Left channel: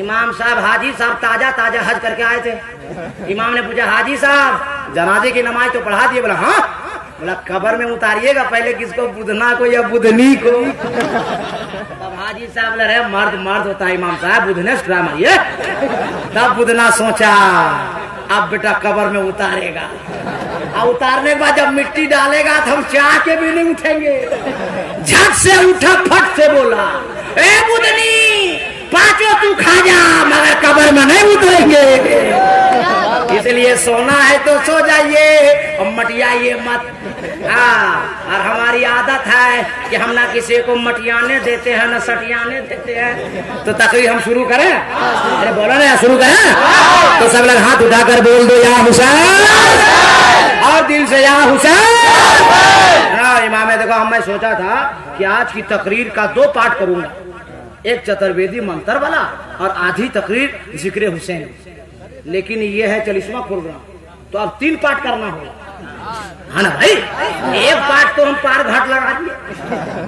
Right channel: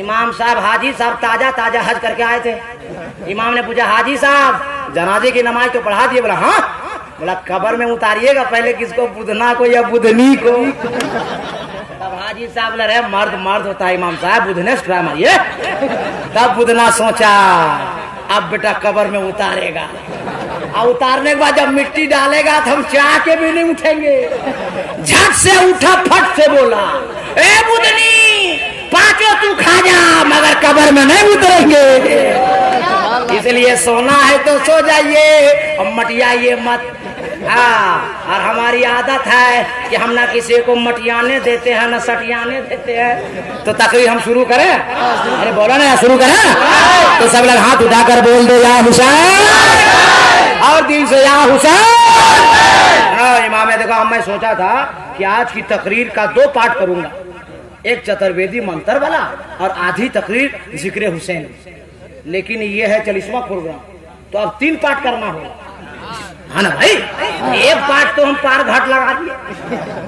इमाम साहब हाजी साहब ताजा ताजा हज करके आए थे। इमाम ने पूछा हाजी साहब जनाजे की नमाज तो पढ़ा दिए? बोला हाँ। बोला कब्र में उतारिएगा पहले किसको, बुधना को या बुधनी को? तब हाजी साहब ने रहे मर्द मर्द होता है इमाम साहब, बुधने से ट्राई मारिए। तब बुधना सोचा अब बेटा कब्र में उतारेगा, और उतारने के बाद जब मिट्टी डालेगा तो हम चाह के भी नहीं उठेंगे। झट से उठा, फट से बोला ए बुधनी पांचों तू खा जा मगर कब्र में नहीं उतरेंगे। इसलिए सोना है तो सो जाइए और मटियाइए मत। हाँ, और हमारी आदत है कि हम ना किसी को मटियाने देते हैं ना सटियाने देते हैं। तो तकरीर हम शुरू करें? अरे बोलो ना शुरू करें। तो सब लोग हाथ उठाकर बोल दो या हुसैन, और दिल से या हुसैन। हाँ इमाम देखो मैं सोचा था कि आज की तकरीर का 2 पार्ट करूंगा, एक चतुर्वेदी मंत्र वाला और आधी तकरीर जिक्र हुसैन। लेकिन ये है 40वां प्रोग्राम, तो अब 3 पार्ट करना होगा, है ना भाई? एक पार्ट तो हम पार घाट लगा दिए,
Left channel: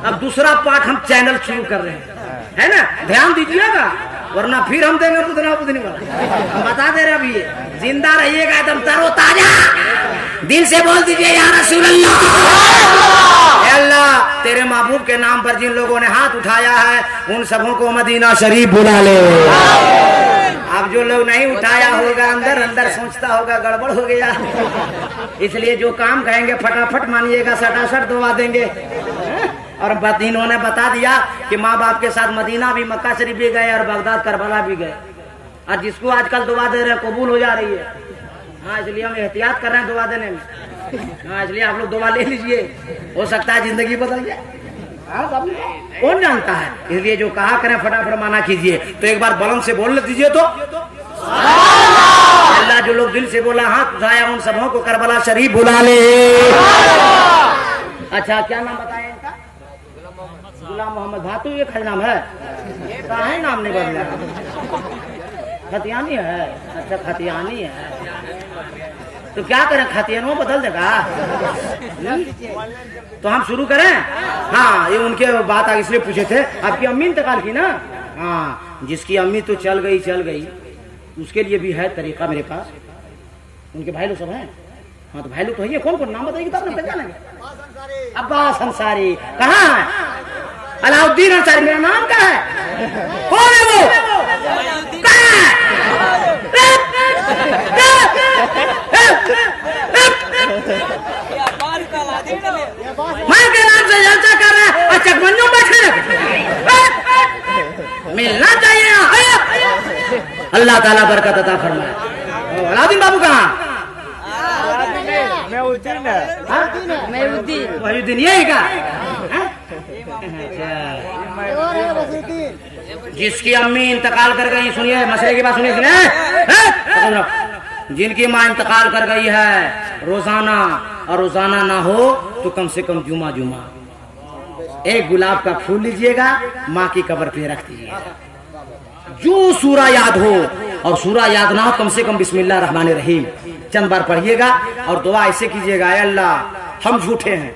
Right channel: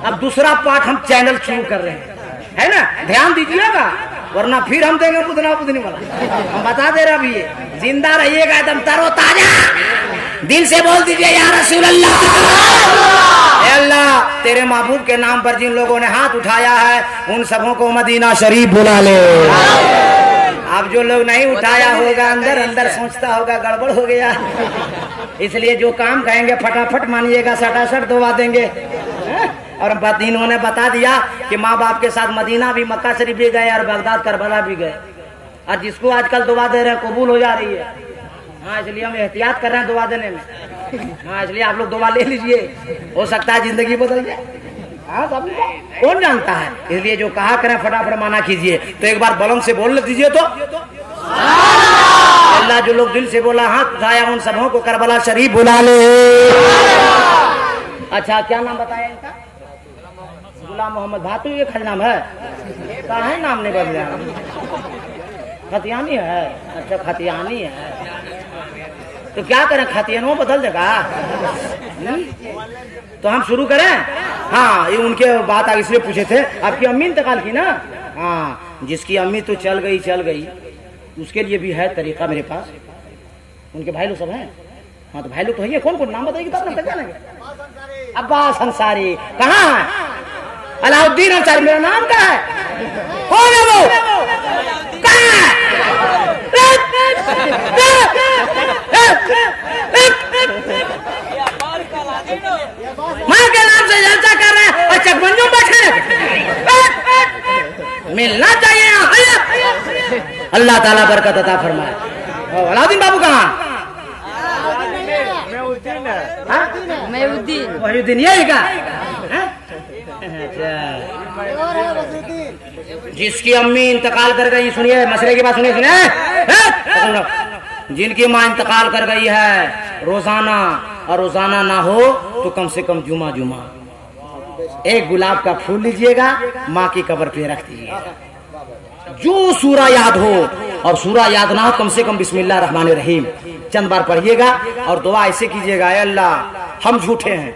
अब दूसरा पार्ट हम चैनल शुरू कर रहे हैं, है ना? ध्यान दीजिएगा वरना फिर हम देंगे बुधना बुधनी वाला। हम बता दे रहे अभी ये जिंदा रहिएगा एकदम तरोताजा। दिल से बोल दीजिए या रसूल अल्लाह। अल्लाह तेरे महबूब के नाम पर जिन लोगों ने हाथ उठाया है उन सबों को मदीना शरीफ बुला ले। अब जो लोग नहीं उठाया होगा अंदर अंदर सोचता होगा गड़बड़ हो गया, इसलिए जो काम कहेंगे फटाफट मानिएगा, सटासट दबा देंगे। और इन्होंने बता दिया कि माँ बाप के साथ मदीना भी, मक्का शरीफ भी गए और बगदाद करबला भी गए, और जिसको आजकल दुआ दे रहे हैं कबूल हो जा रही है। हाँ इसलिए हम एहतियात कर रहे हैं दुआ देने में। हाँ इसलिए आप लोग दुआ ले लीजिए, हो सकता है जिंदगी बदल जाए। हाँ कौन जानता है, इसलिए जो कहा करें फटाफट माना कीजिए। तो एक बार बुलंद से बोल दीजिए तो अल्लाह। जो लोग दिल से बोला हाथ उठाया उन सबों को करबला शरीफ बुला ले। अच्छा क्या नाम बताया इनका? गुलाम मोहम्मद भातू, ये खज नाम है? कहा है नाम नहीं बदला? खतियानी है? अच्छा खतियानी है, तो क्या करें खतियानों बदल देगा। तो हम शुरू करें? हाँ ये उनके बात आगे इसलिए पूछे थे, आपकी अम्मी इंतकाल की ना? हाँ जिसकी अम्मी तो चल गई उसके लिए भी है तरीका मेरे पास। उनके भाई लोग सब हैं? हाँ तो भाई लोग तो है। कौन कौन नाम बताइए तब ना पहचानेंगे। अब्बास अंसारी कहाँ है? अलाउद्दीन अंसारी मेरा नाम क्या है? कौन है वो? माँ के नाम से जलसा कर रहे हैं और चकबंजों बैठे मिलना चाहिए। अल्लाह ताला बरकत अता फरमाए। अलाउद्दीन बाबू कहाँ? महीउद्दीन यही का? जिसकी अम्मी इंतकाल कर गई, सुनिए मसले की बात सुनिए। जिनकी माँ इंतकाल कर गई है रोजाना, और रोजाना ना हो तो कम से कम जुमा एक गुलाब का फूल लीजिएगा, माँ की कब्र पे रख दीजिएगा। जो सूरा याद हो, और सूरा याद ना हो कम से कम बिस्मिल्लाह रहमान रहीम चंद बार पढ़िएगा, और दुआ ऐसे कीजिएगा अल्लाह हम झूठे हैं,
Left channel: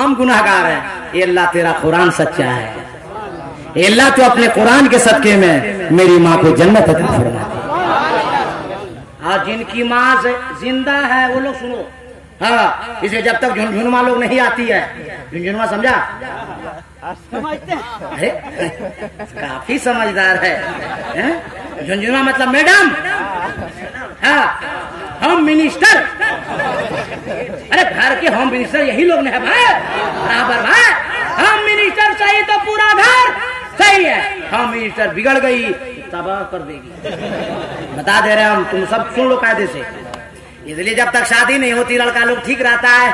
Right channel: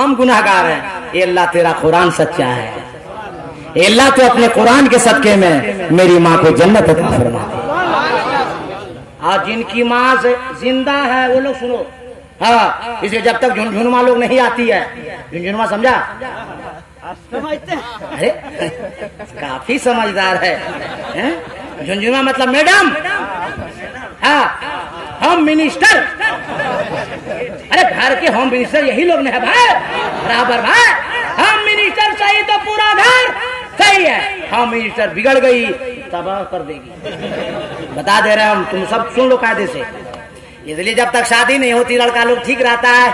हम गुनाहगार हैं, ये अल्लाह तेरा कुरान सच्चा है, ये अल्लाह तो अपने कुरान के सदके में मेरी माँ को जन्नत अता फरमा दे। और जिनकी माँ जिंदा है वो लोग सुनो। हाँ इसलिए जब तक झुनझुनमा लोग नहीं आती है, झुनझुनमा समझा? अरे काफी समझदार है। झुनझुनमा मतलब मैडम। हाँ होम मिनिस्टर, अरे घर के होम मिनिस्टर यही लोग है भाई, बराबर भाई। होम मिनिस्टर सही तो पूरा घर सही है, होम मिनिस्टर बिगड़ गई तबाह कर देगी। बता दे रहे हम, तुम सब सुन लो कायदे से। इसलिए जब तक शादी नहीं होती लड़का लोग ठीक रहता है।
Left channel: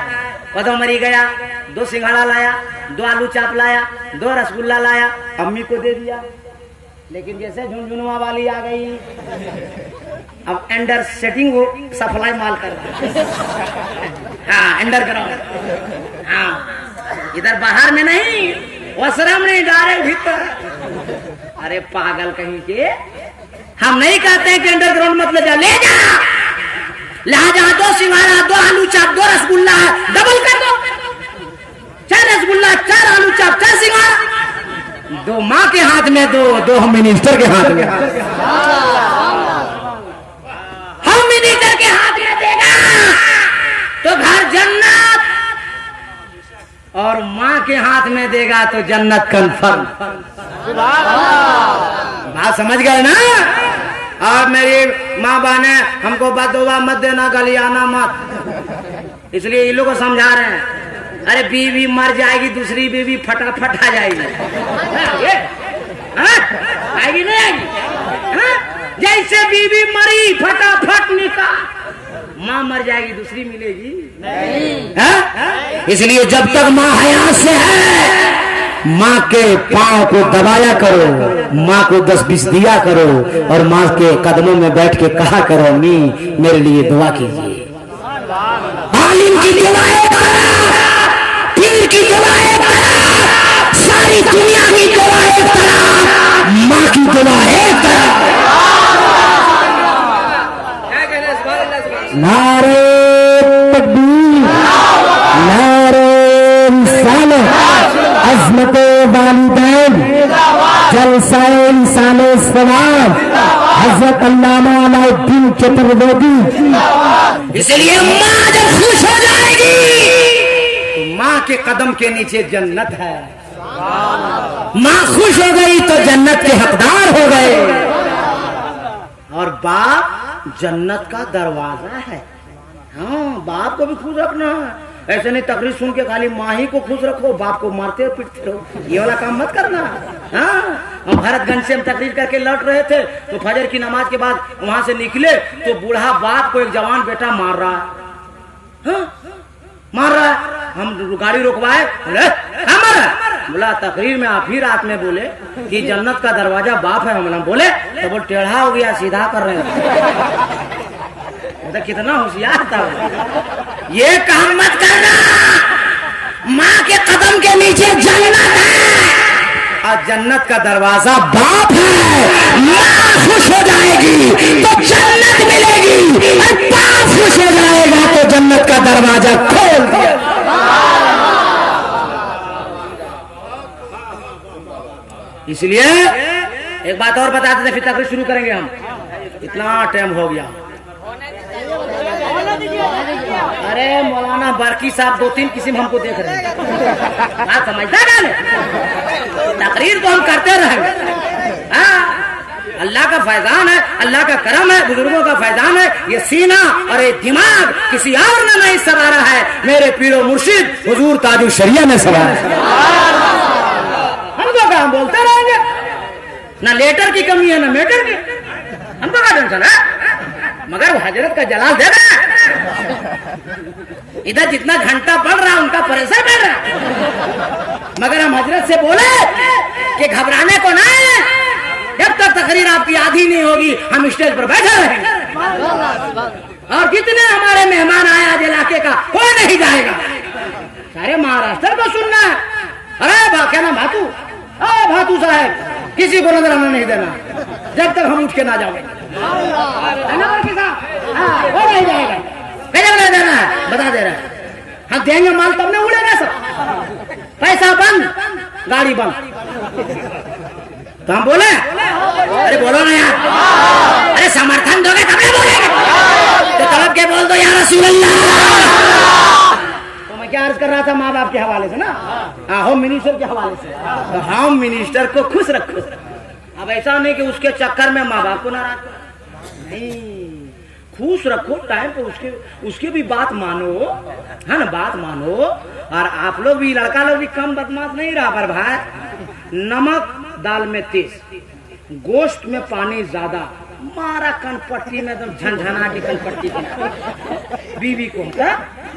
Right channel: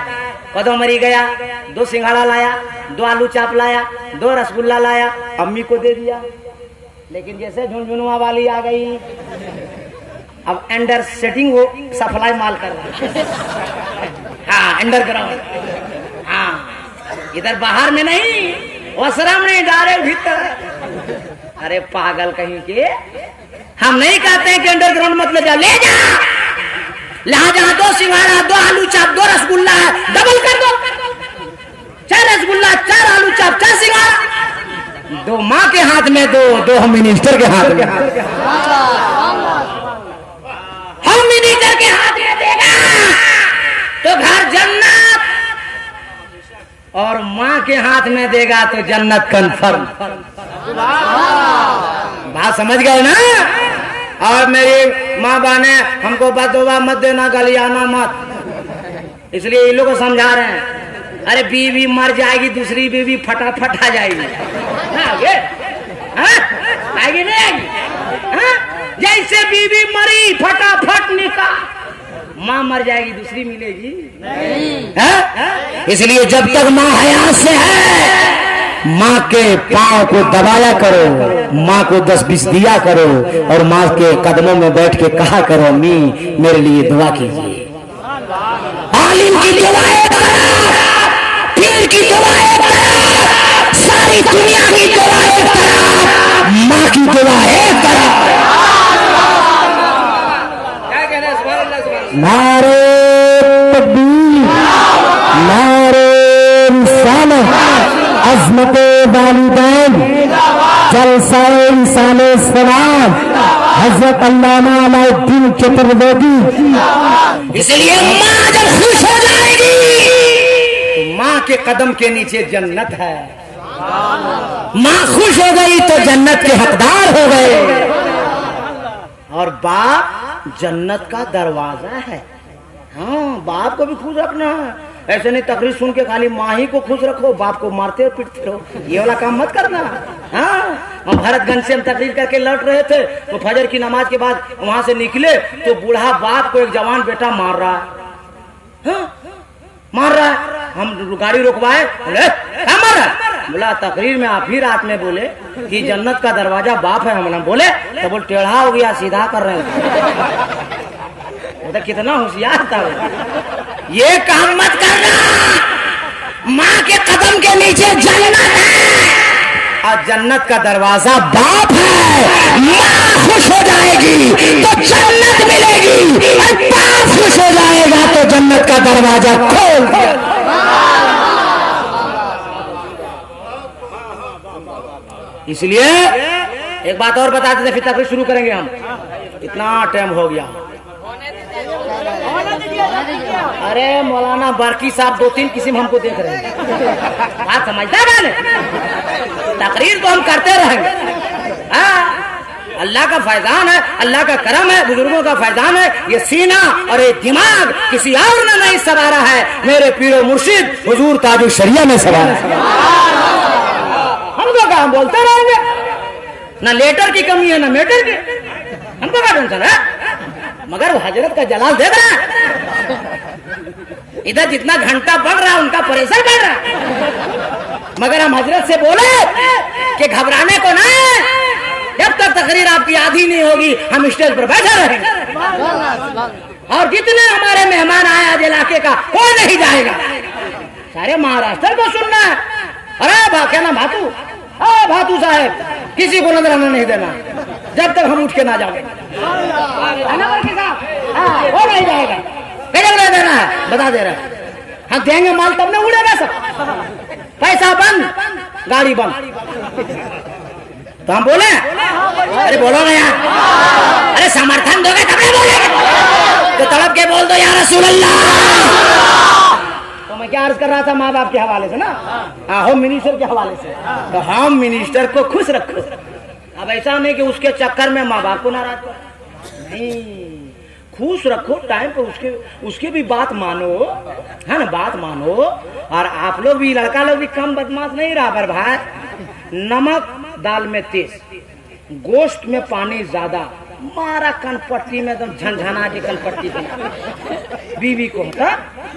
कदों मरी गया, 2 सिंघाड़ा लाया, 2 आलू चाप लाया, 2 रसगुल्ला लाया, अम्मी को दे दिया। लेकिन जैसे झुनझुनुआ वाली आ गई, अब अंडर सेटिंग वो सप्लाई माल कर रहा है। हाँ अंडरग्राउंड। हाँ इधर बाहर में नहीं, वसराम नहीं, डायरेक्ट भीतर। अरे पागल कहीं के, हम नहीं कहते हैं कि अंडरग्राउंड मत ले जा, ले जा। लिहाजा 2 सिंघाड़ा, 2 आलू चाप, 2 रसगुल्ला डबल कर दो, 4 रसगुल्ला, 4 आलू चाप, 4 सिंघाड़ा। दो माँ के हाथ में दो, दो हम मिनिस्टर के हाथ में। हम मिनिस्टर के हाथ में देगा तो घर जन्नत, और माँ के हाथ में देगा तो जन्नत कंफर्म। बात समझ गए ना? और मेरी माँ बहने हमको बददुआ मत देना, गलियाना मत, इसलिए इन लोगों को समझा रहे हैं। अरे बीवी मर जाएगी, दूसरी बीवी फटाफट आ जाएगी। आएगी नहीं आएगी? जैसे बीवी मरी फटाफट निकाह, माँ मर जाएगी दूसरी मिलेगी नहीं। इसलिए जब तक माँ हयात से है, माँ के पाँव को दबाया करो, माँ को 10-20 दिया करो, और माँ के कदमों में बैठ के कहा करो, अम्मी मेरे लिए दुआ कीजिए। आलिम की दुआएं, पीर की दुआएं, सारी दुनिया की दुआएं, माँ की दुआएं करो। नारे तकबीर, नारे रिसालत, अज़मते वालिदैन, जलसाए इंसाने सलाम, हज़रत अल्लामा अलाउद्दीन चतुर्वेदी। इसलिए माँ जब खुश हो जाएगी तो माँ के कदम के नीचे जन्नत है। माँ खुश हो गई तो जन्नत के हकदार हो गए। और बाप जन्नत का दरवाजा है। हाँ, बाप को भी खुश रखना है। ऐसे नहीं तकरीर सुन के खाली माँ ही को खुश रखो, बाप को मारते हो पीटते रहो, ये वाला काम मत करना। हाँ, हम भरतगंज से हम तकरीर करके लौट रहे थे तो फजर की नमाज के बाद वहां से निकले तो बूढ़ा बाप को एक जवान बेटा मार रहा है। हाँ, मार रहा है। हम गाड़ी रुकवाए, बोला तकरीर में आप ही रात में बोले कि जन्नत का दरवाजा बाप है। हम बोले तो बोल टेढ़ा हो गया, सीधा कर रहे हैं। तो कितना होशियार था। ये काम मत करना, माँ के कदम के नीचे जन्नत है और जन्नत का दरवाजा बाप है। माँ खुश हो जाएगी तो जन्नत मिलेगी, और बाप खुश हो जाएगा तो जन्नत का दरवाजा खोल दिया। इसलिए एक बात और बताते थे, फिर तकरीर शुरू करेंगे हम। इतना टाइम हो गया। अरे मौलाना बारकी साहब 2-3 किस्म हमको देख रहे हैं। बात समझता है? तकरीर तो हम करते रहेंगे। अल्लाह का फैजान है, अल्लाह का करम है, बुजुर्गों का फैजान है। ये सीना और ये दिमाग किसी और ने नहीं सवारा है, मेरे पीरो मुर्शिद हुजूर ताजुल शरिया ने सवारा है। हमको क्या, हम बोलते रहेंगे। ना लेटर की कमी है ना मेटर की, हमको क्या टेंशन है। मगर वो हजरत का जलाल दे रहा है। इधर जितना घंटा बढ़ रहा है उनका प्रेशर बढ़ रहा है। मगर हम हजरत से बोले कि घबराने को ना है, जब तक तकरीर आपकी आधी नहीं होगी हम स्टेज पर बैठे रहेंगे। और जितने हमारे मेहमान आए आज इलाके का, कोई नहीं जाएगा। सारे महाराष्ट्र को सुनना है। अरे क्या नाम भातू, भातू साहब, किसी को नजर नहीं देना जब तक हम उठ के ना जाओगे। वो नहीं जाएगा, बता देना है, बता दे रहा है। हम देंगे माल तब नहीं उड़ेगा सब। पैसा बंद, गाड़ी बंद। तो हम बोले, अरे बोलो ना यार, अरे समर्थन दोगे तब नहीं बोलेंगे। तो तलब के बोल दो या रसूल अल्लाह। तो मैं क्या अर्ज कर रहा था माँ बाप के हवाले से ना, होम मिनिस्टर के हवाले से। तो होम मिनिस्टर को खुश रखो। अब ऐसा नहीं कि उसके चक्कर में माँ बाप को नाराज करो, नहीं, खुश रखो। टाइम पे उसके भी बात मानो, है ना, बात मानो। और आप लोग भी, लड़का लोग भी कम बदमाश नहीं रहा। पर भाई, नमक दाल में तेज, गोश्त में पानी ज्यादा, मारा कनपट्टी में एकदम झनझना के कनपट्टी थी बीवी को।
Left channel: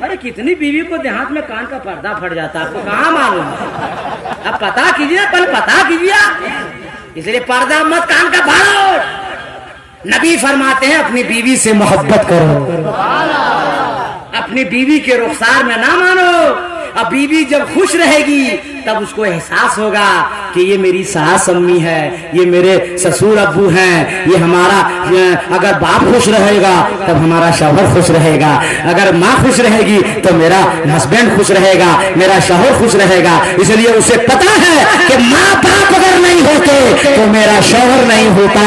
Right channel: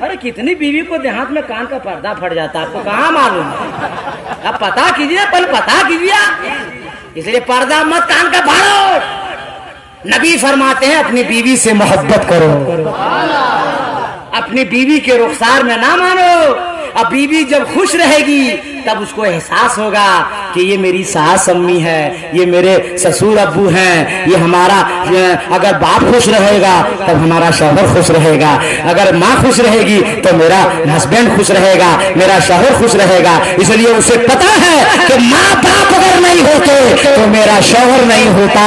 अरे कितनी बीवी को देहात में कान का पर्दा फट जाता है, आपको कहाँ मालूम। अब पता कीजिए, पल पता कीजिए। इसलिए पर्दा मत कान का फाड़ो। नबी फरमाते हैं अपनी बीवी से मोहब्बत करो, अपनी बीवी के रुखसार में ना मानो। अब बीवी जब खुश रहेगी तब उसको एहसास होगा कि ये मेरी सास अम्मी है, ये मेरे ससुर अब्बू हैं, ये हमारा, अगर बाप खुश रहेगा तब हमारा शौहर खुश रहेगा, अगर माँ खुश रहेगी तो मेरा हस्बैंड खुश रहेगा, मेरा शौहर खुश रहेगा। इसलिए उसे पता है कि माँ बाप अगर नहीं होते तो मेरा शौहर नहीं होता,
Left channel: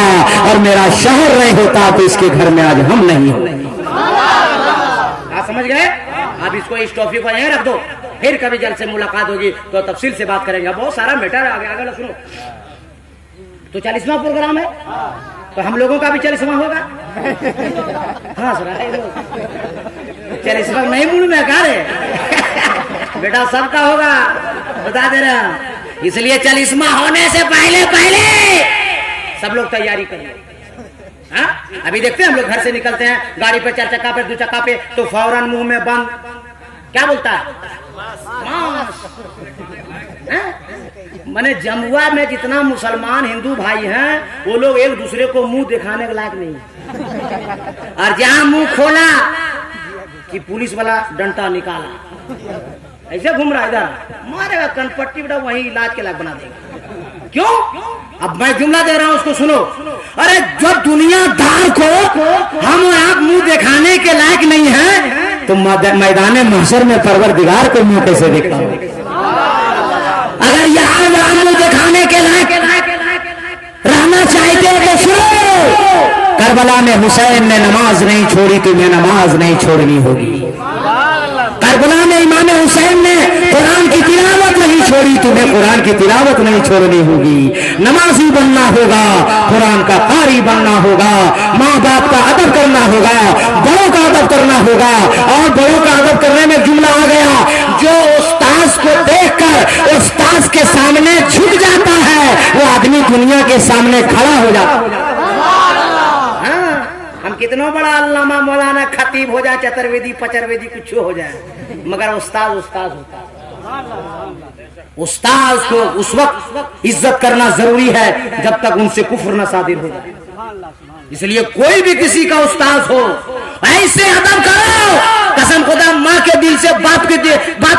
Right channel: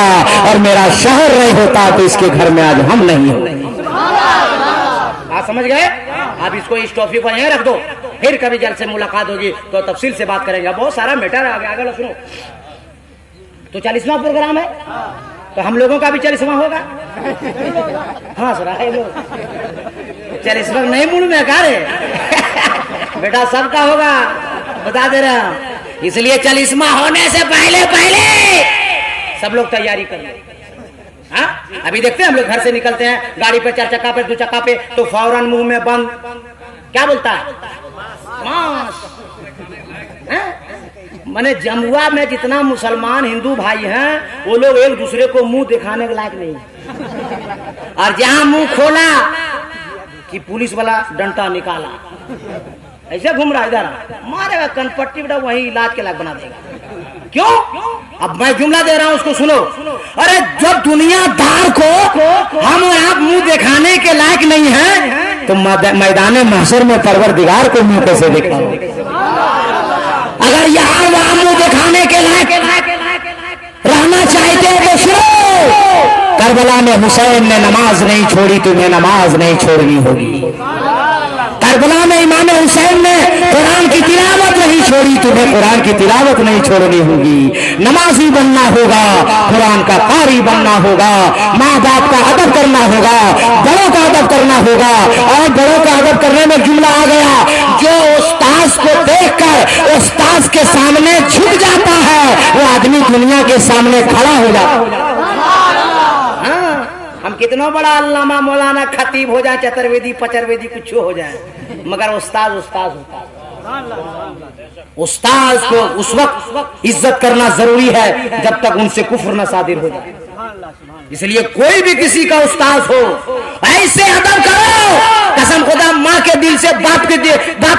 और मेरा शौहर नहीं होता तो इसके घर में आज हम नहीं होते। आप समझ गए? अब इसको, इस टॉपिक को यहीं रख दो, फिर कभी जल्द से मुलाकात होगी तो तफसील से बात करेंगे। बहुत सारा मैटर है, आगे आगे सुनो। तो 40वां प्रोग्राम है, तो हम लोगों का भी 40वां होगा। हाँ सुना है लोग 40वां नहीं मूड में कार है बेटा, सबका होगा, बता दे रहा हूं। इसलिए 40वां होने से पहले पहले सब लोग तैयारी कर लो। हाँ, अभी देखते हैं हम लोग घर से निकलते हैं गाड़ी पे, 4 चक्का पे, 2 चक्का पे, तो फौरन मुंह में बंद क्या बोलता है, मैंने जमुआ में जितना मुसलमान हिंदू भाई हैं वो लोग एक दूसरे को मुंह दिखाने के लायक नहीं है। और जहां मुंह खोला कि पुलिस वाला डंडा निकाला, ऐसे घूम रहा इधर, मारेगा कनपट्टी बेटा, वही इलाज के लायक बना देगा। क्यों? अब मैं जुमला दे रहा हूं, उसको सुनो। अरे जब दुनियादार को हम आप मुंह दिखाने के लायक नहीं है तो मैदान महशर में परवरदिगार को मुंह कैसे दिखा? अगर यहाँ मुंह दिखाने के लायक रहना चाहते तो सुनो, करबला में हुसैन ने नमाज नहीं छोड़ी, तुम्हें नमाज नहीं छोड़नी होगी। करबला में इमाम हुसैन ने कुरान की तिलावत नहीं छोड़ी, तुम्हें कुरान की तिलावत नहीं छोड़नी होगी। नमाजी बनना होगा, कुरान का कारी बनना होगा, माँ बाप का अदब करना होगा, बड़ों का अदब करना होगा। और बड़ों का अदब करने में जुमला आ गया, जो उस्ताद को देखकर उस्ताद के सामने झुक जाता है वो आदमी दुनिया के सामने खड़ा हो जाता है। हम कितना बड़ा अल्लामा मौलाना खतीब हो जाए, चतुर्वेदी पचरवेदी कुछ हो जाए, मगर उस्ताद उस्ताद होता है। उस्ताद को उस वक्त इज्जत करना जरूरी है जब तक उनसे कुफ्र न सादिर हो जाए। इसलिए कोई भी किसी का उस्ताद हो ऐसे अदब करो, कसम खुदा, माँ के दिल से, बाप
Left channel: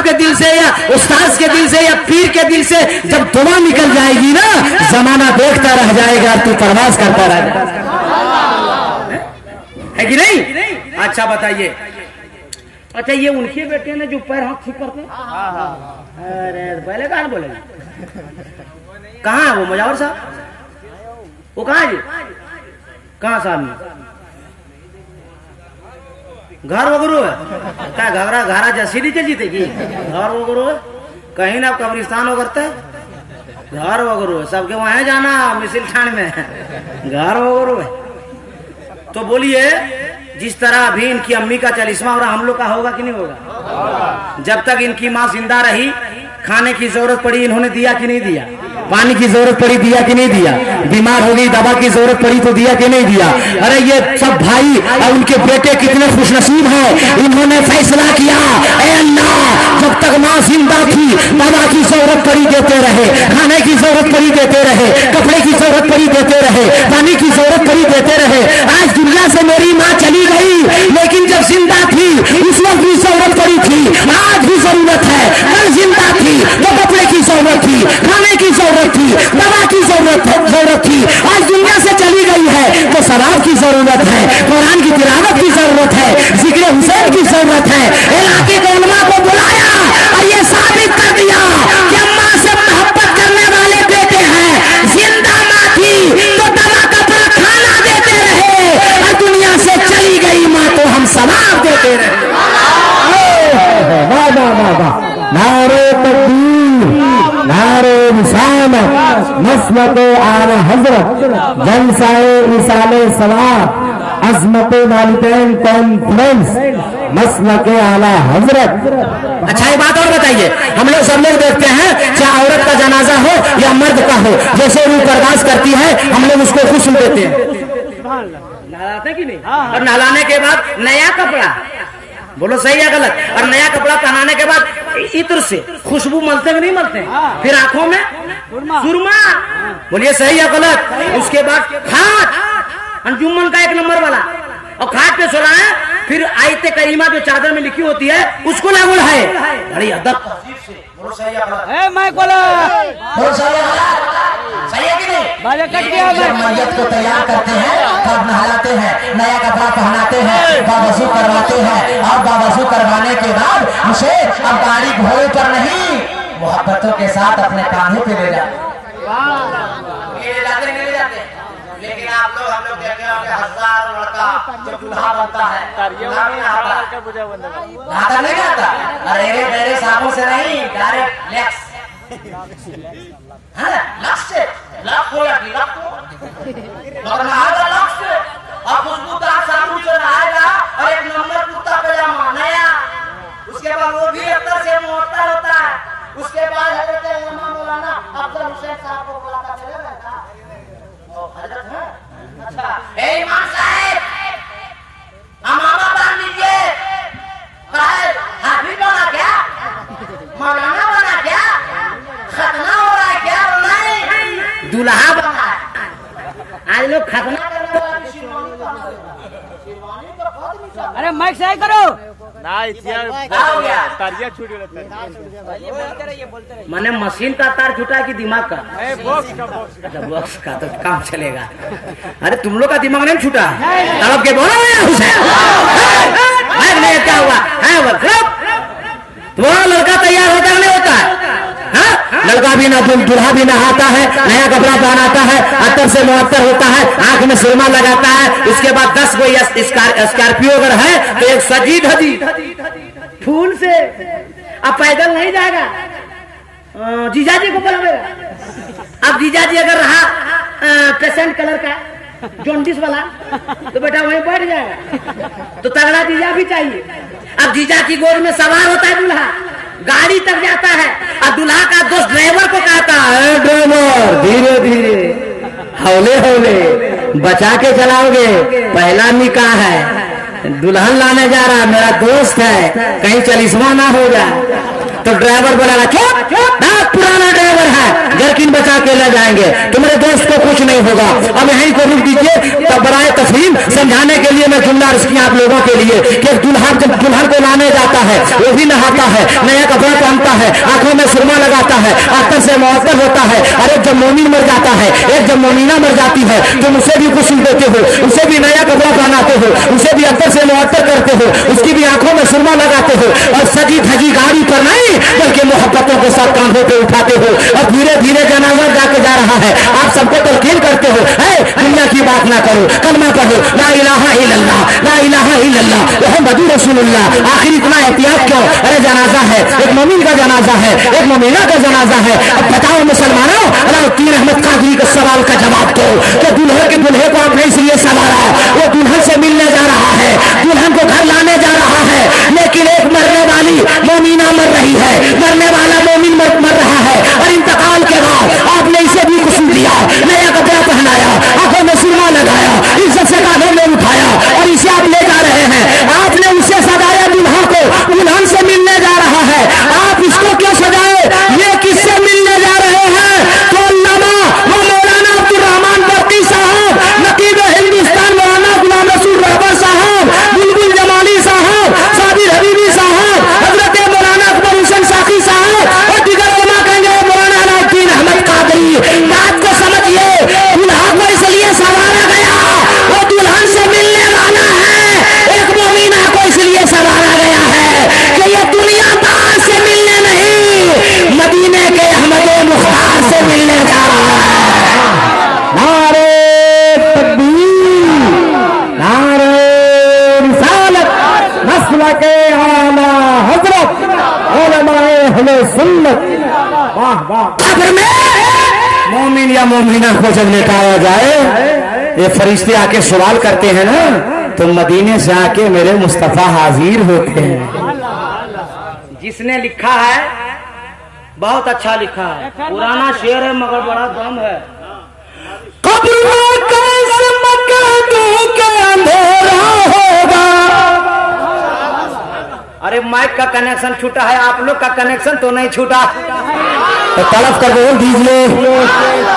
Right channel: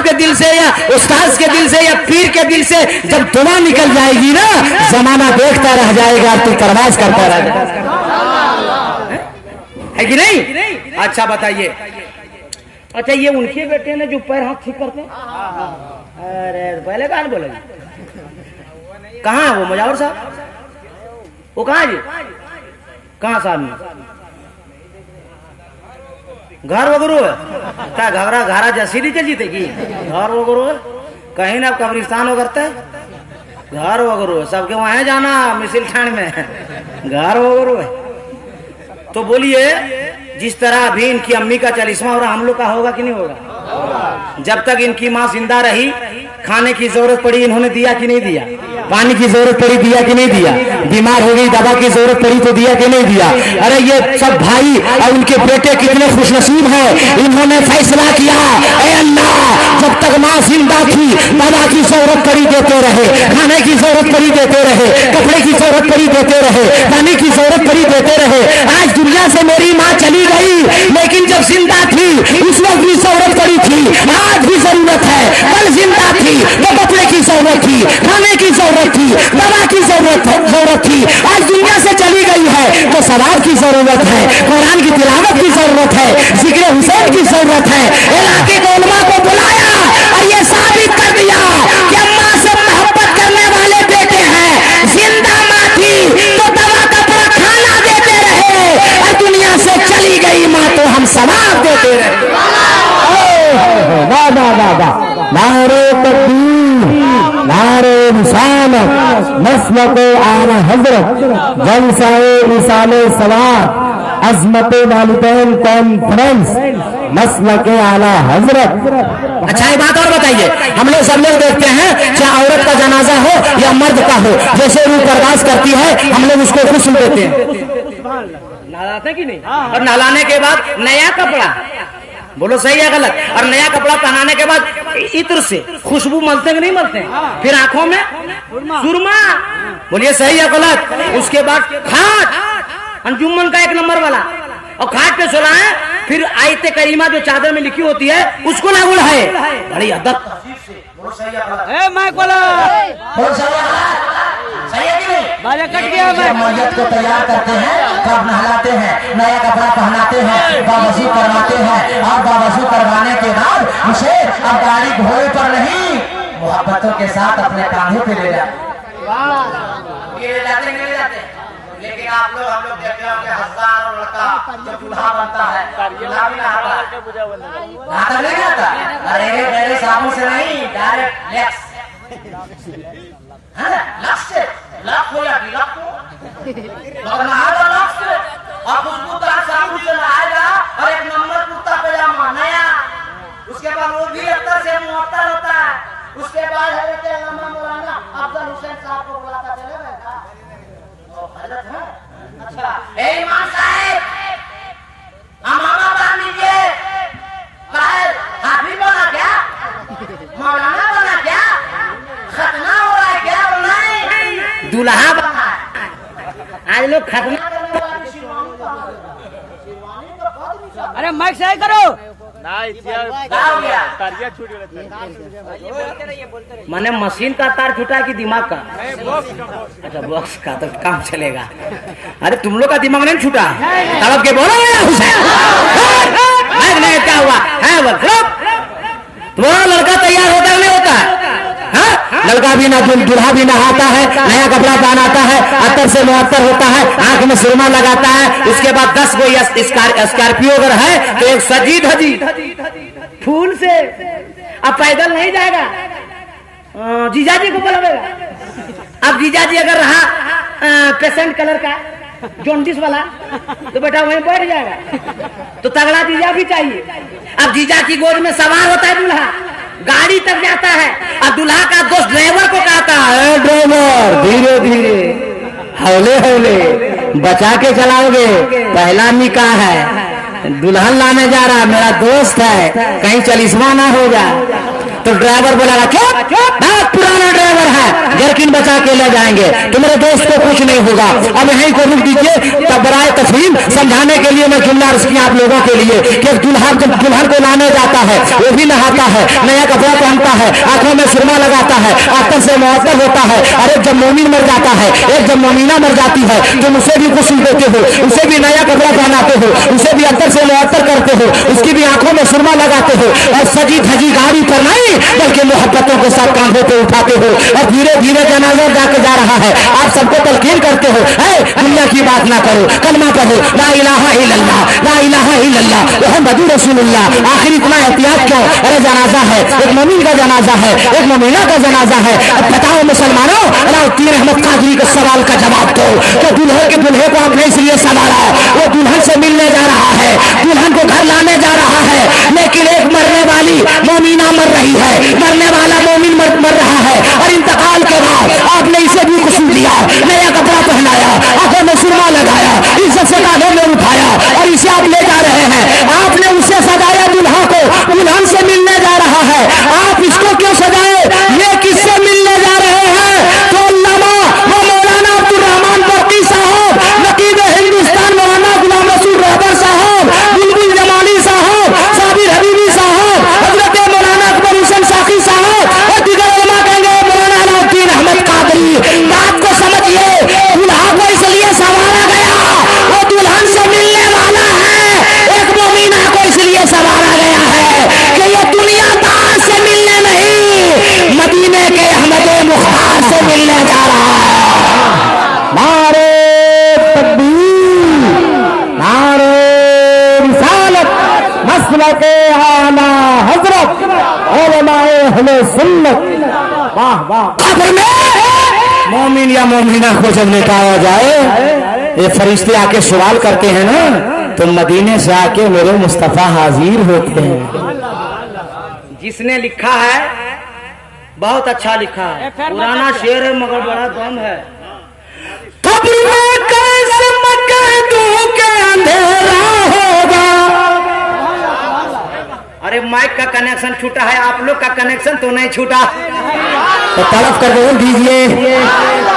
के दिल से, या उस्ताद के दिल से, या पीर के दिल से जब दुआ निकल जाएगी ना, जमाना देखता रह जाएगा, तू परवाज करता रह जाएगा, है कि नहीं? अच्छा बताइए, अच्छा ये उनके बेटे ने जो पैर हाथ ठीक करते हैं, अरे पहले कहाँ बोले, कहाँ है वो मुजावर साहब, वो कहाँ है जी, कहाँ साहब घर वगैरह है क्या? घरा जसीरी के जीते की घर वगैरह है, कहीं ना कब्रिस्तान वगैरह घर वगैरह है, सबके वहां जाना मिसिल खान में घर वगैरह है। तो बोलिए, जिस तरह अभी इनकी अम्मी का 40वां हो रहा, हम लोग का होगा कि नहीं होगा? जब तक इनकी माँ जिंदा रही, खाने की जरूरत पड़ी इन्होंने दिया कि नहीं दिया? पानी की जरूरत पड़ी दिया कि नहीं दिया? बीमार हो गई दवा की जरूरत पड़ी तो दिया कि नहीं दिया? अरे ये सब भाई और उनके बेटे कितने खुशनसीब हैं, इन्होंने फैसला किया, ए अल्लाह जब तक माँ जिंदा थी दवा की जरूरत पड़ी देते रहे, खाने की जरूरत पड़ी देते रहे, कपड़े की जरूरत पड़ी देते रहे, पानी की जरूरत पड़ी देते रहे। आज दुनिया से मेरी माँ चली गई, लेकिन जब जिंदा थी उस वक्त भी जरूरत पड़ी थी, आज भी जरूरत है। कल जिंदा थी तो कपड़े की जरूरत थी, खाने की जरूरत थी, दवा की जरूरत थी। आज दुनिया से चली गई है तो सवाब की जरूरत है, कुरान की तिलावत की जरूरत है, जिक्र हुसैन की जरूरत है। इलाके के उलमा को बुलाया और ये साबित कर दिया कि अम्मा से मोहब्बत करने वाले बेटे हैं। जिंदा माँ थी तो दवा कपड़ा खाना देते रहे, और दुनिया से चली गई माँ तो हम सवाब देते रहे। वाह वाह वाह वाह, नारे तकबीर, नारे रिसालत, मसलक आला हजरत, जलसाए मिसाले सवाब, अजमत वालिदैन कॉन्फ्रेंस, मसलक आला हजरत। अच्छा एक बात और बताइए, हम लोग सब लोग देखते हैं चाहे औरत का जनाजा हो या मर्द का हो, जैसे रूह बर्दाश्त करती है हम लोग उसको गुस्ल देते हैं, नहलाते कि नहीं? और नहलाने के बाद नया कपड़ा, बोलो सही है गलत, और नया कपड़ा पहनाने के बाद इत्र से खुशबू मलते कि नहीं मलते? फिर आंखों में सुरमा, बोलिए सही है गलत? उसके बाद खाट, अंजुमन का 1 नंबर वाला, और खाट पे सुलाए, फिर आयते करीमा जो चादर में लिखी होती है उसको ना बुलाए। बड़ी अदब बाजा कट गया। मैयत को तैयार करते हैं, तब नहलाते हैं, नया कपड़ा पहनाते हैं, बावजू करवाते हैं और बावजू करवाने के बाद उसे अब गाड़ी घोड़े पर नहीं मोहब्बतों के साथ अपने कांधे पे ले जाते। लेकिन आप लोग हम लोग देखते हैं हजारों लड़का जब दूल्हा बनता है दूल्हा भी नहाता नहीं आता। अरे मेरे साबुन से नहीं, डायरेक्ट लैक्स है ना, लक्स से लक हो या लक हो मगर नहाएगा लक्स से और खुशबूदार साबुन से नहाएगा और एक नंबर कुर्ता पजामा नया। उसके बाद वो भी अक्सर से मुअत्तर होता है। उसके बाद हजरत अल्लामा मौलाना अफजल हुसैन साहब को बुलाता चलेगा। हजरत है अच्छा ईमान साहब अमामा बांध लीजिए। हाफिज बना क्या, मौलाना बना क्या, खतना हो रहा है क्या, बनाए दूल्हा बना। आज लोग खतना अरे माइक सही करो। मैंने मशीन का तार छूटा कि दिमाग का? अच्छा बॉक्स का तो काम चलेगा। अरे तुम लोग का दिमाग नहीं छूटा? तड़प के बोलो क्या हुआ है? तुम्हारा लड़का तैयार होता नहीं होता? लड़का भी ना दूल्हा भी नहाता है, नया कपड़ा पहनाता है, अत्तर से मुअत्तर होता है, आंख में सुरमा लगाता है। इसके बाद 10 कोई स्कॉर्पियो अगर है तो एक सजी धजी फूल से। अब पैदल नहीं जाएगा, जीजाजी को बुलावेगा। अब जीजाजी अगर रहा पेशेंट कलर का जॉन्डिस वाला तो बेटा वहीं बैठ जाएगा। तो तगड़ा जीजा भी चाहिए। अब जीजा की गोद में सवार होता है दूल्हा, गाड़ी तक जाता है और दूल्हा का दोस्त ड्राइवर को कहता है ड्राइवर धीरे धीरे हौले हौले बचा के चलाओगे, पहला निकाह है, दुल्हन लाने जा रहा मेरा दोस्त है, कहीं चलिस्मा ना हो जाए। तो ड्राइवर बोला चुप, पुराना ड्राइवर है, जरकिन बचा के ले जाएंगे, तुम्हारे दोस्त को कुछ नहीं होगा। अब यहीं को रुक दीजिए। तब बराए तस्लीम समझाने के लिए मैं जुमला अर्ज किया आप लोगों के लिए कि दुल्हन जब दुल्हन को लाने जाता है वो भी नहाता है, नया कपड़ा पहनता है, आंखों में सुरमा लगाता है, अत्तर से मुअत्तर होता है। और एक जब मोमिन मर जाता है, एक जब मोमिना मर जाती है, तुम उसे भी गुस्ल देते हो, उसे भी नया कपड़ा पहनाते हो, उसे भी अत्तर से मुअत्तर करते हो, उसकी भी आंखों में सुरमा लगाते हो और सजी धजी गाड़ी पर नहीं बल्कि मोहब्बतों के साथ कांधों पे उठाते हो और धीरे धीरे जनाजा जाके जा रहा है। आप सबको तलकीन करते हो दुनिया की बात ना करो, कलमा कहो ला इलाहा इल्लल्लाह, ला इलाहा इल्लल्लाह मुहम्मदुर रसूलुल्लाह। आखिर इतना एहतियात क्यों? अरे जनाजा है, एक मोमिन का जनाजा है, एक मोमिना का जनाजा है। अब बताओ मुसलमानों, अलाउद्दीन अहमद कादरी के सवाल का जवाब दो कि दूल्हे के दुल्हे को आपने इसलिए सवारा, वो दुल्हन से मिलने जा रहा है, दुल्हन को घर लाने जा रहा है, लेकिन एक मरने वाली मोमिना मर रही है, मरने वाला मोमिन मर रहा है और इंतकाल के बाद आपने इसे भी कुसूर दिया, नया कपड़ा पहनाया, आंखों में सुरमा लगाया, इज्जत से कांधों में उठाया और इसे आप ले जा रहे हैं। आपने उसे सजाया दुल्हा को, दुल्हन से मिलने जा रहा है, आप इसको क्यों सजाए? ये किससे मिलने जा रहे हैं? तो अल्लामा मौलाना अब्दुल रहमान बरकी साहब, नकीब हिंदुस्तान मौलाना गुलाम रसूल रहबर साहब, बुलबुल जमाली साहब, साबिर हबीबी साहब, हजरत मौलाना अकबर हुसैन साकी साहब और दीगर उलमा कहेंगे मौलाना अलाउद्दीन अहमद कादरी। बात को समझिए, दुल्हा को इसलिए सवारा गया वो दुल्हन से मिलने वाला है, एक मोमिना को इसलिए सवारा गया है कि ये दुनियादार से मिलने नहीं, मदीने के अहमद मुख्तार से मिलने जा रहा है। नारे तकबीर, नारे रिसालत, मसलके आला हजरत उलमाए अहले सुन्नत। वाह वाह। कब्र में मोमिन या मोमिना को जब लेटाया जाए, ये फरिश्ते आके सवाल करते हैं ना, तो मदीने से आके मेरे मुस्तफा हाजिर होते हैं। जिसने लिखा है बहुत अच्छा लिखा है, पुराना शेर है मगर बड़ा दम है। कब्र में कैसे मैं कह दूं कि अंधेरा होगा। अरे माइक का कनेक्शन छूटा है, आप लोग का कनेक्शन तो नहीं छूटा, तो तड़प कर बोल दीजिए।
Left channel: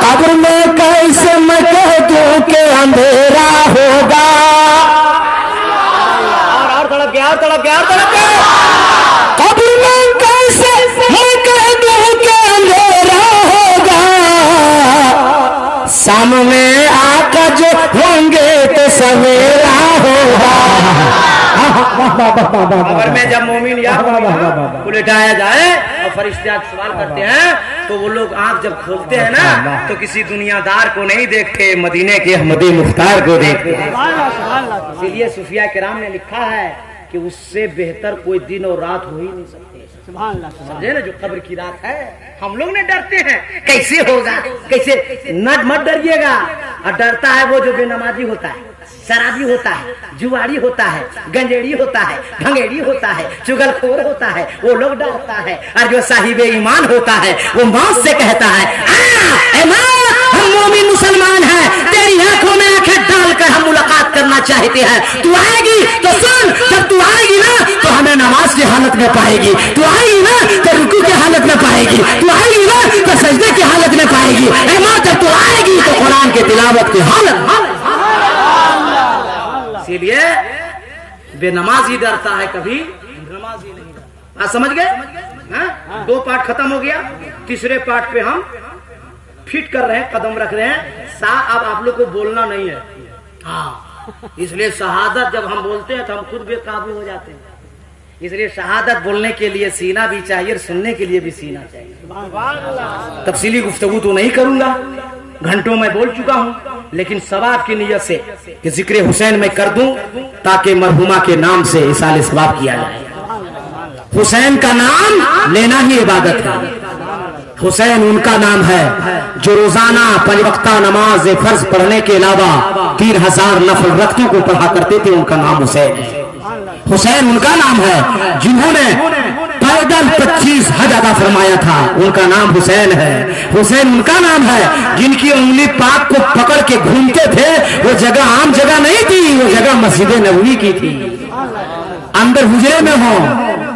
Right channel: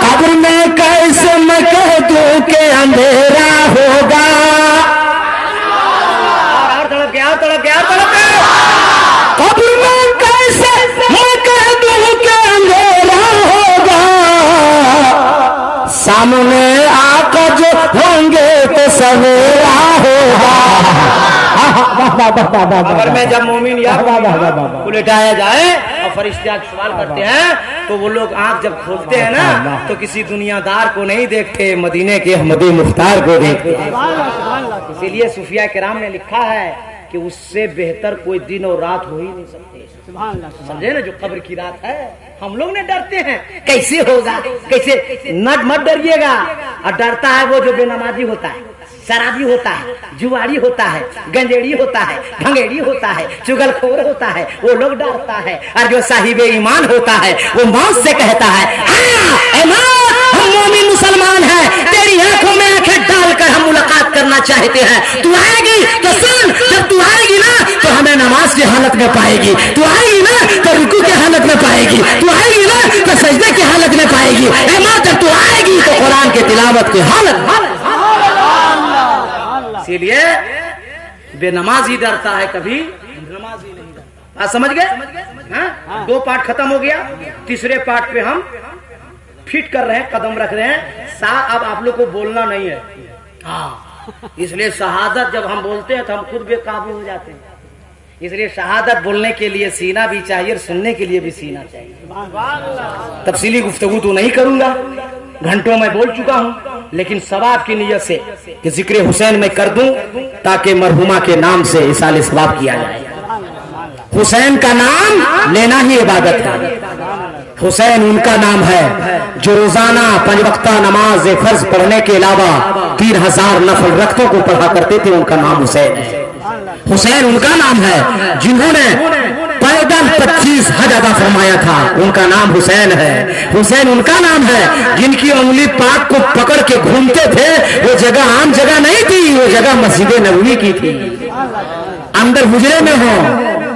कब्र में कैसे मैं कह दूं कि अंधेरा होगा, लोग क्या और तड़पते हैं? कब्र में कैसे मैं कह दूं कि अंधेरा होगा, सामने आका जो होंगे तो सवेरा होगा। कब्र में जब मोमिन याद को लिटाया जाए और फरिश्ते सवाल करते हैं तो वो लोग आंख जब खोलते हैं ना तो किसी दुनियादार को नहीं देखते, मदीने के अहमदी मुख्तार को देखते हैं। इसीलिए सूफिया किराम ने लिखा है कि उससे बेहतर कोई दिन और रात हो ही नहीं सकते। समझे ना, जो कब्र की रात है हम लोग ने डरते हैं कैसे होगा, कैसे मत डरिएगा। और डरता है वो जो बेनमाजी होता है, शराबी होता है, जुआरी होता है, गंजेड़ी होता है, भंगेड़ी होता है, चुगलखोर होता है, वो लोग डरता है। और जो साहिबे ईमान होता है वो मौत से कहता है हम मोमिन मुसलमान हैं, तेरी आंखों में आंखें डालकर हम मुलाकात करना चाहते हैं। तू आएगी तो सुन, जब तू आएगी ना तो हमें नमाज की हालत में पाएगी, तू आएगी ना तो रुकू की हालत में पाएगी, तू आएगी ना तो सजदे की हालत में पाएगी, जब तू आएगी तो कुरान की तिलावत की हालत। इसीलिए बेनमाजी डरता है, कभी नमाजी नहीं डरता। समझ गए? 2 पार्ट खत्म हो गया, तीसरे पार्ट पे हम फिट कर रहे हैं, कदम रख रहे हैं। अब आप लोग को बोलना नहीं है, इसलिए शहादत जब हम बोलते हैं तो हम खुद बेकाबू हो जाते हैं। इसलिए शहादत बोलने के लिए सीना भी चाहिए और सुनने के लिए भी सीना चाहिए। तफसीली गुफ्तगू तो नहीं करूंगा, घंटों में बोल चुका हूं, लेकिन सवाब की नियत से कि जिक्र हुसैन में कर दूं ताकि मरहुमा के नाम से इसाले सवाब किया जाए। हुसैन का नाम लेना ही इबादत है। हुसैन उनका नाम है जो रोजाना 5 वक्ता नमाज फर्ज पढ़ने के अलावा 3000 नफल रख्तों को पढ़ा करते थे, उनका नाम हुसैन है। हुसैन उनका नाम है जिन्होंने पैदल 25 हज अदा फरमाया था, उनका नाम हुसैन है। हुसैन उनका नाम है जिनकी उंगली पाक को पकड़ के घूमते थे, वो जगह आम जगह नहीं थी, वो जगह मस्जिद नबवी की थी। अंदर हुजरे में हो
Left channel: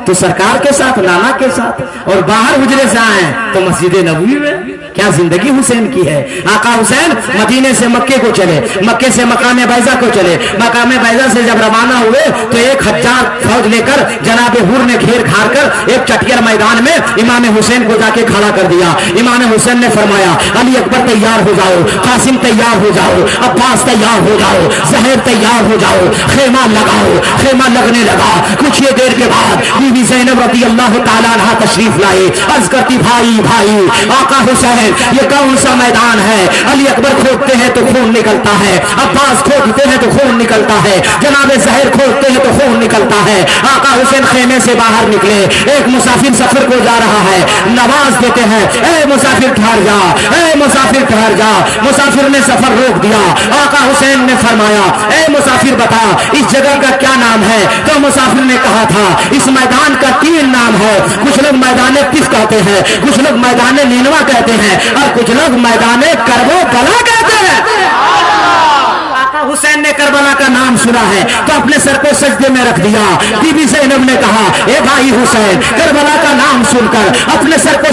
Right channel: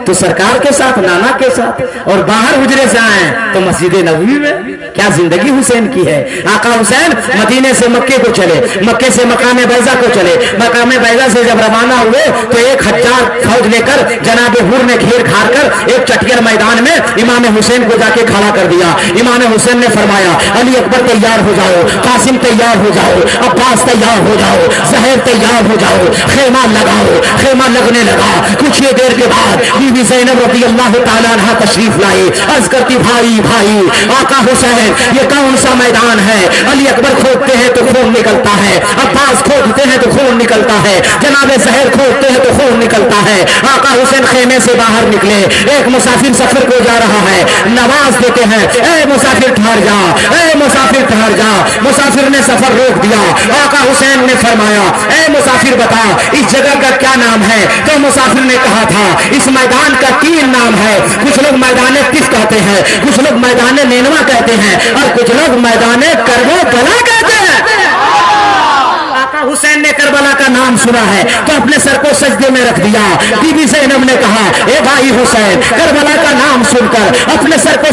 तो सरकार के साथ, नाना के साथ, और बाहर हुजरे से आए तो मस्जिद नबवी में। क्या जिंदगी हुसैन की है। आका हुसैन मदीने से मक्के को चले, मक्के से मकाम बैजा को चले, मकाम बैजा से जब रवाना हुए तो 1000 फौज लेकर जनाब हुर ने घेर घार कर एक चटियर मैदान में इमाम हुसैन को जाके खड़ा कर दिया। इमाम हुसैन ने फरमाया अली अकबर तैयार हो जाओ, कासिम तैयार हो जाओ, अब्बास तैयार हो जाओ, जहर तैयार हो जाओ, खेमा लगाओ। खेमा लगने लगा। कुछ ही देर के बाद बीबी ज़ैनब रज़ी अल्लाह ताला अन्हा तशरीफ लाए। अर्ज करती भाई भाई आका हुसैन ये कौन सा मैदान है। अली अकबर खोदते हैं तो खून निकलता है, अब्बास खोदते हैं तो खून निकलता है, जनाब जहर खोदते हैं तो खून निकलता है। आका हुसैन खेमे से बाहर निकले, एक मुसाफिर सफर को जा रहा है, नवाज देते हैं ए मुसाफिर ठहर जा, ए मुसाफिर ठहर जा। मुसाफिर ने सफर रोक दिया। आका हुसैन ने फरमाया ए मुसाफिर बता इस जगह का क्या नाम है। तो मुसाफिर ने कहा था इस मैदान का 3 नाम है। कुछ लोग मैदान पिस कहते हैं, कुछ लोग मैदान नैनवा कहते हैं, और कुछ लोग मैदान करबला कहते हैं। आका हुसैन ने करबला का नाम सुना है तो अपने सर को सजदे में रख दिया। बीबी ज़ैनब ने कहा ए भाई हुसैन, करबला का नाम सुनकर अपने सर को